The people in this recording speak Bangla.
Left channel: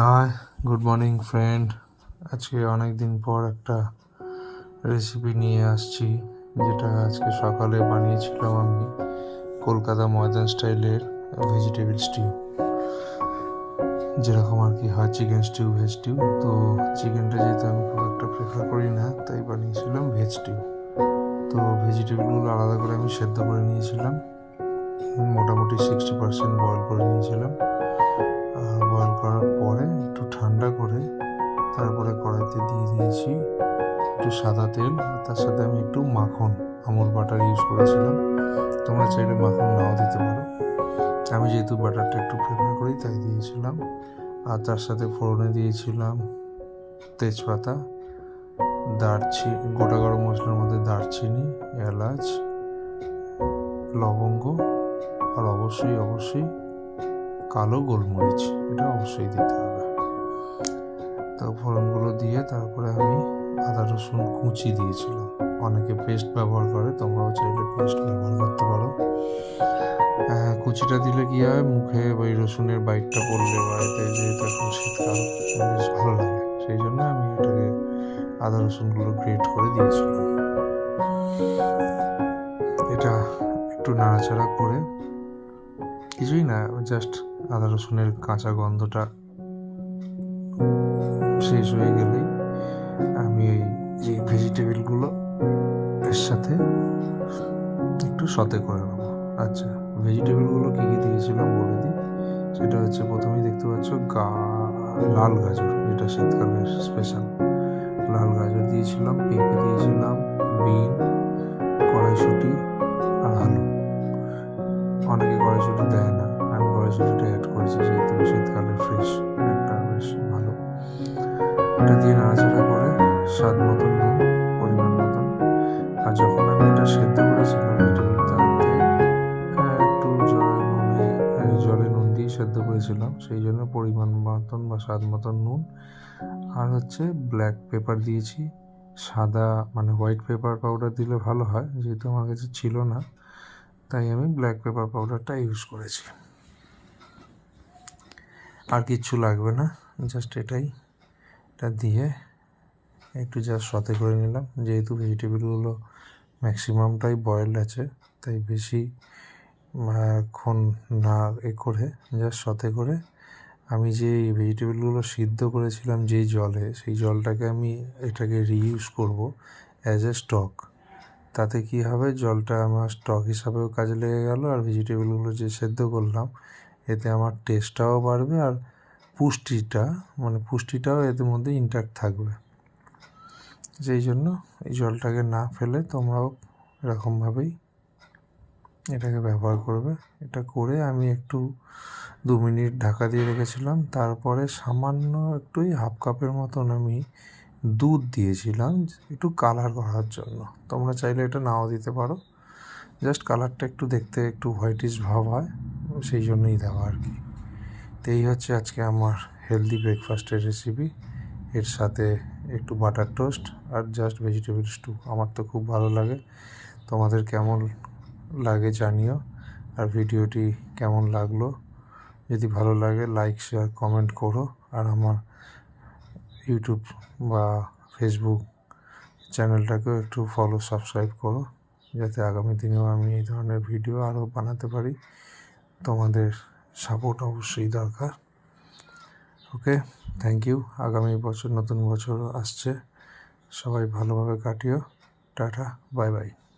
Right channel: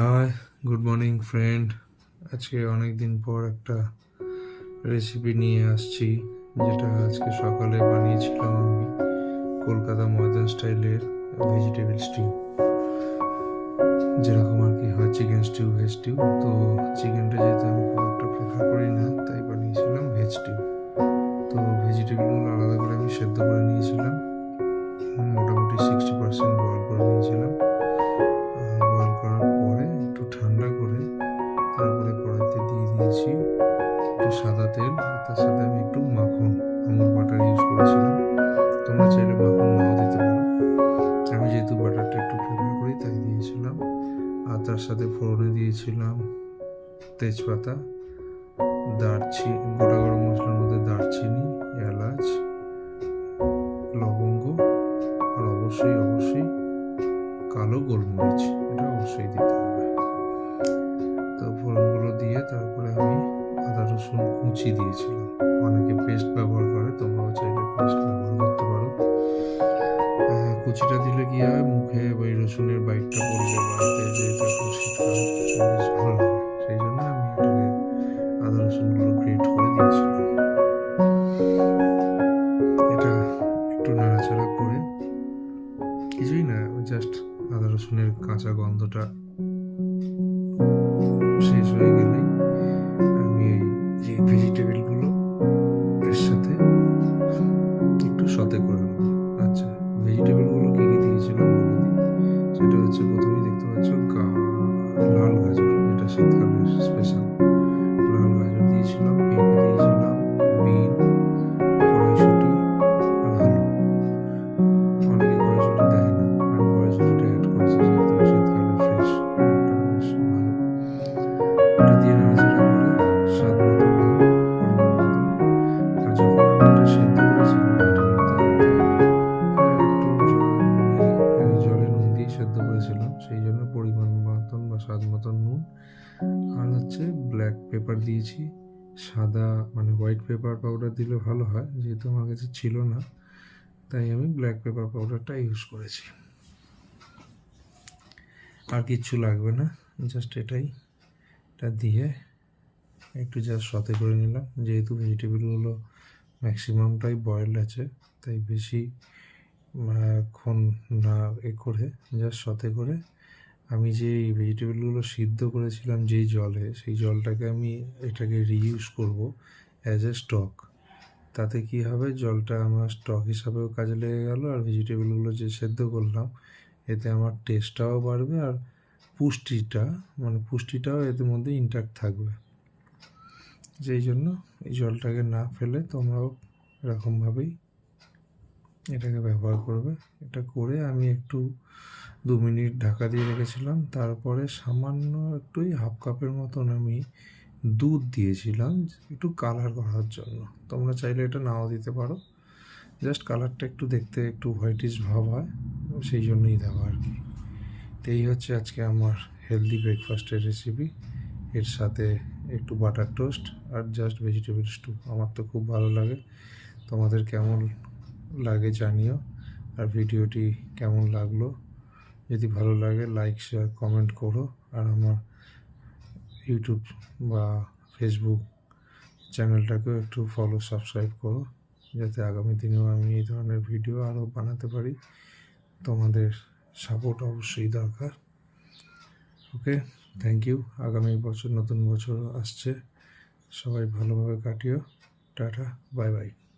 High, good morning friend. আজকে অনেক দিন পর একটা রেসিপি নিয়ে আসছি, যেটা আজকে সকালে বানিয়েছিলাম আমি। কলকাতা ময়দান স্টাইলের ভেজিটেবল স্টিউ, যেরকম আর কি হয় চিকেন স্টিউ, ভেজ স্টিউ। তো চিকেনটা যেহেতু আমি খুব একটা প্রেফার করি না, তাই বানিয়েছিলাম ভেজ স্টিউ। তো ভেজিটেবলগুলো আলাদা করে আমি সেদ্ধ করে নিয়েছিলাম, মোটামুটি 60% বয়েল করে নিয়েছিলাম। বয়েল করার পরে একটু ঠান্ডা করে তারপরে কড়াইতে দিয়ে দিয়েছি একটু সাদা তেল, আর তার সাথে আমি একটু মাখন, আমুল বাটার ইউজ করেছিলাম। তোমরা চাইলে মাখন নাও দিতে পারো, আমি যেহেতু বাটারটা একটু প্রেফার করি তাই দিয়েছিলাম। আর তার সাথে ফোড়নে দিয়েছিলাম তেজপাতা, দারচিনি, গোটা গরম মশলার মধ্যে দারচিনি, এলাচ, লবঙ্গ, আর অবশ্যই কালো গোলমরিচ, এটা অবশ্যই দিতে হবে। তো ফোড়নগুলো দিয়ে তারপরে আমি আদা রসুন কুচি দিয়েছিলাম। অনেকে পেস্ট ব্যবহার করে, তোমরাও চাইলে পেস্ট ব্যবহার করতে পারো। কুচিটা দিলে কি হয়, মুখে ওই রসুনের বাইটটা পড়লে বাড়িতে, যেহেতু এখন শীতকাল, বেশ ভালো লাগে। সেই জন্য আমি এটাকে আদা রসুনগুলো গ্রেট করে দিয়েছিলাম। এটা একটু নাড়াচাড়া করে, কিছুই না, জাস্ট আদা রসুনের কাঁচা গন্ধটা শেষ হয়ে গেলেই আমি এই ভেজিটেবলগুলো এর সাথে একটু সতে করে নেবো। আচ্ছা, ভেজিটেবলগুলো কী কী দিয়েছিলাম বলে দিই। সেটা হচ্ছে, প্রথমেই দেখতে পাচ্ছ লাল গাজর, যেটা শীতকালের স্পেশাল। লাল গাজর দিয়েছিলাম, পেঁপে দিয়েছিলাম, বিন, কড়াইশুঁটি আর আলু। অনেকে কড়াইশুঁটি দেয় না, আমি কড়াইশুঁটিটা অ্যাড করেছি যেহেতু শীতকালের ফ্রেশ একটা, বেশ ভালো। এটা দিয়ে নাড়াচাড়া করে স্বাদ মতন নুন, পরিমাণ মতন। আর যখন আমি এটা সেদ্ধ করেছিলাম ভেজিটেবলটাতে, একটু জলে নুন দিয়ে সেদ্ধ করেছিলাম, সেই জন্য পরিমাণ মতন বা স্বাদ মতন নুন। আর হচ্ছে ব্ল্যাক পেপার দিয়েছি, সাদা মানে হোয়াইট পেপার পাউডার দিলে ভালো হয়, যেহেতু আমার কাছে ছিল না তাই আমি ব্ল্যাক পেপার পাউডারটা ইউজ করেছি। আর কিচ্ছু লাগবে না, জাস্ট এটা দিয়ে একটু জাস্ট সতে করে নিলাম। যেহেতু ভেজিটেবলগুলো ম্যাক্সিমামটাই বয়েলড আছে, তাই বেশি ক্ষণ না করে জাস্ট সতে করে আমি যে ভেজিটেবলগুলো সিদ্ধ করেছিলাম যেই জলে, সেই জলটাকে আমি এটাকে রিইউজ করব অ্যাজ এ স্টক। তাতে কি হবে, জলটা আমার স্টক হিসাবেও কাজে লেগে গেল, আর ভেজিটেবলগুলো যে সেদ্ধ করলাম এতে আমার টেস্টটাও বাড়বে, আর পুষ্টিটাও এদের মধ্যে ইনট্যাক্ট থাকবে। যেই জন্য এই জলটাকে না ফেলে তোমরাও এরকমভাবেই এটাকে ব্যবহার করবে। এটা করে আমি একটু 2 মিনিট ঢাকা দিয়ে রেখেছিলাম। তারপরে সামান্য একটুই হাফ কাপের মতন আমি দুধ দিয়েছিলাম, একটু কালার করার জন্য। তোমরা চাইলে এটা নাও দিতে পারো, জাস্ট কালারটা একটু দেখতে একটু হোয়াইটিশ ভাব হয়, সেই জন্যই দেওয়া আর কি। তো এই হচ্ছে আজকে আমার হেলদি ব্রেকফাস্টের রেসিপি। এর সাথে একটু বাটার টোস্ট আর জাস্ট ভেজিটেবল স্টু। আমার তো খুব ভালো লাগে, তোমাদের কেমন লাগে জানিও। আর ভিডিওটি কেমন লাগলো, যদি ভালো লাগে লাইক, শেয়ার, কমেন্ট করো। আর আমার ইউটিউব বা ফেসবুক চ্যানেলটাকেও একটু ফলো, সাবস্ক্রাইব করো, যাতে আগামী দিনেও আমি এই ধরনের ভিডিও আরও বানাতে পারি। তোমাদের সাপোর্ট অবশ্যই দরকার। ওকে, থ্যাংক ইউ। আগামী বছর নতুন বছর আসছে, সবাই ভালোভাবে কাটিও। Tata, bye bye.